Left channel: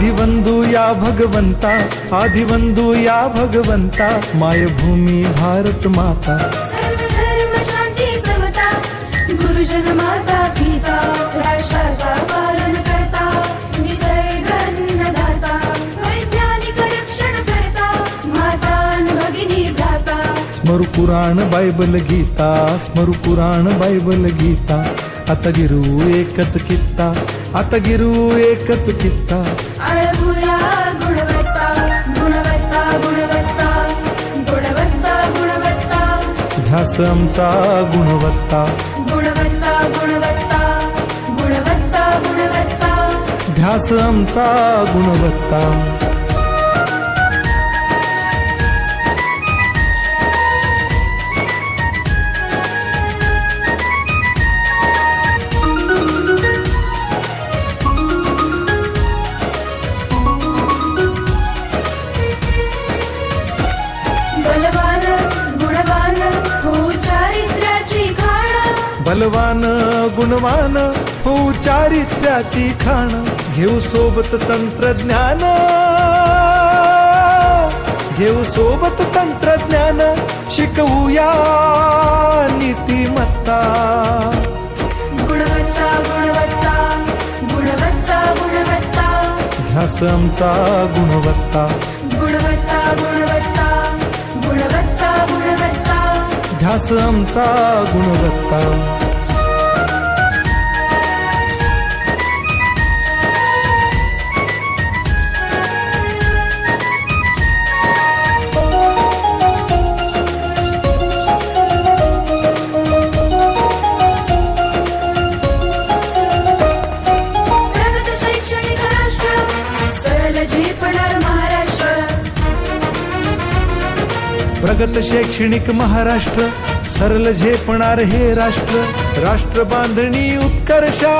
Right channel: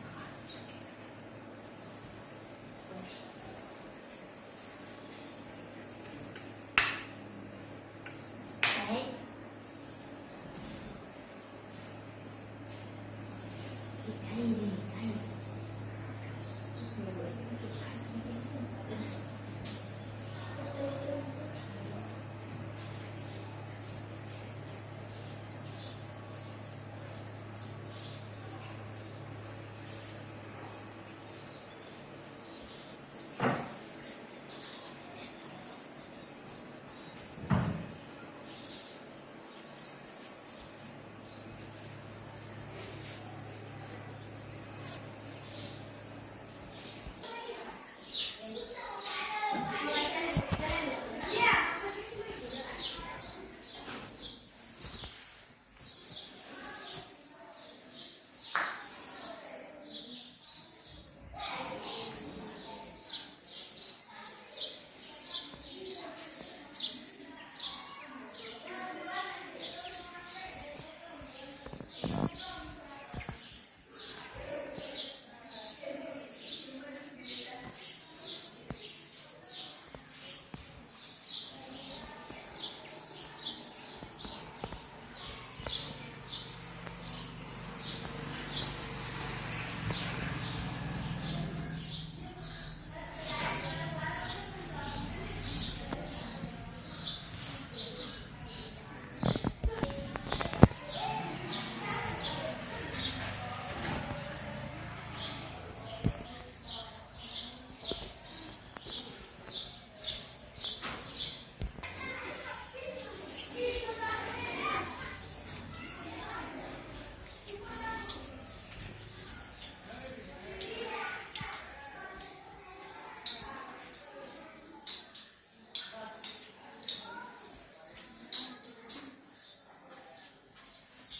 आदिवंदू या भगवंता, आदिवंदू या भगवंता, मायभूमी भारत माता. सर्व धर्म शांती समता, गुरुजन माता पिता, राष्ट्राचा पालन करता, निसर्ग अन्नदाता, वैज्ञानिक रक्षण करता, माता भगिनी भ्राता. स्मरू पुराण बायबल गीता, स्मरू पुराण बायबल गीता. आता गिरू एकच कित्ता, आता गिरू एकच कित्ता. आळवूया गुणवत्ता, गुणवत्ता, गुणवत्ता, गुणवत्ता, गुणवत्ता. ध्यास आमचा गुणवत्ता, गुणवत्ता, गुणवत्ता, गुणवत्ता, गुणवत्ता. ध्यास आमचा गुणवत्ता. बलवान गुणवान हो चारित्र्याची खाण, बलवान गुणवान हो चारित्र्याची खाण. घेऊ सोबत तंत्रज्ञान, घेऊ सोबत तंत्रज्ञान, शिकवूया नीतिमत्ता. गुणवत्ता, गुणवत्ता, गुणवत्ता, गुणवत्ता. ध्यास आमचा गुणवत्ता, गुणवत्ता, गुणवत्ता, गुणवत्ता, गुणवत्ता. ध्यास आमचा गुणवत्ता. प्रगत शैक्षणिक राष्ट्र, सरल झेपणार महाराष्ट्र. प्रगत शैक्षणिक महाराष्ट्र, सरल झेपणार हे राष्ट्र. राष्ट्र बांधणी उत्कर्षा,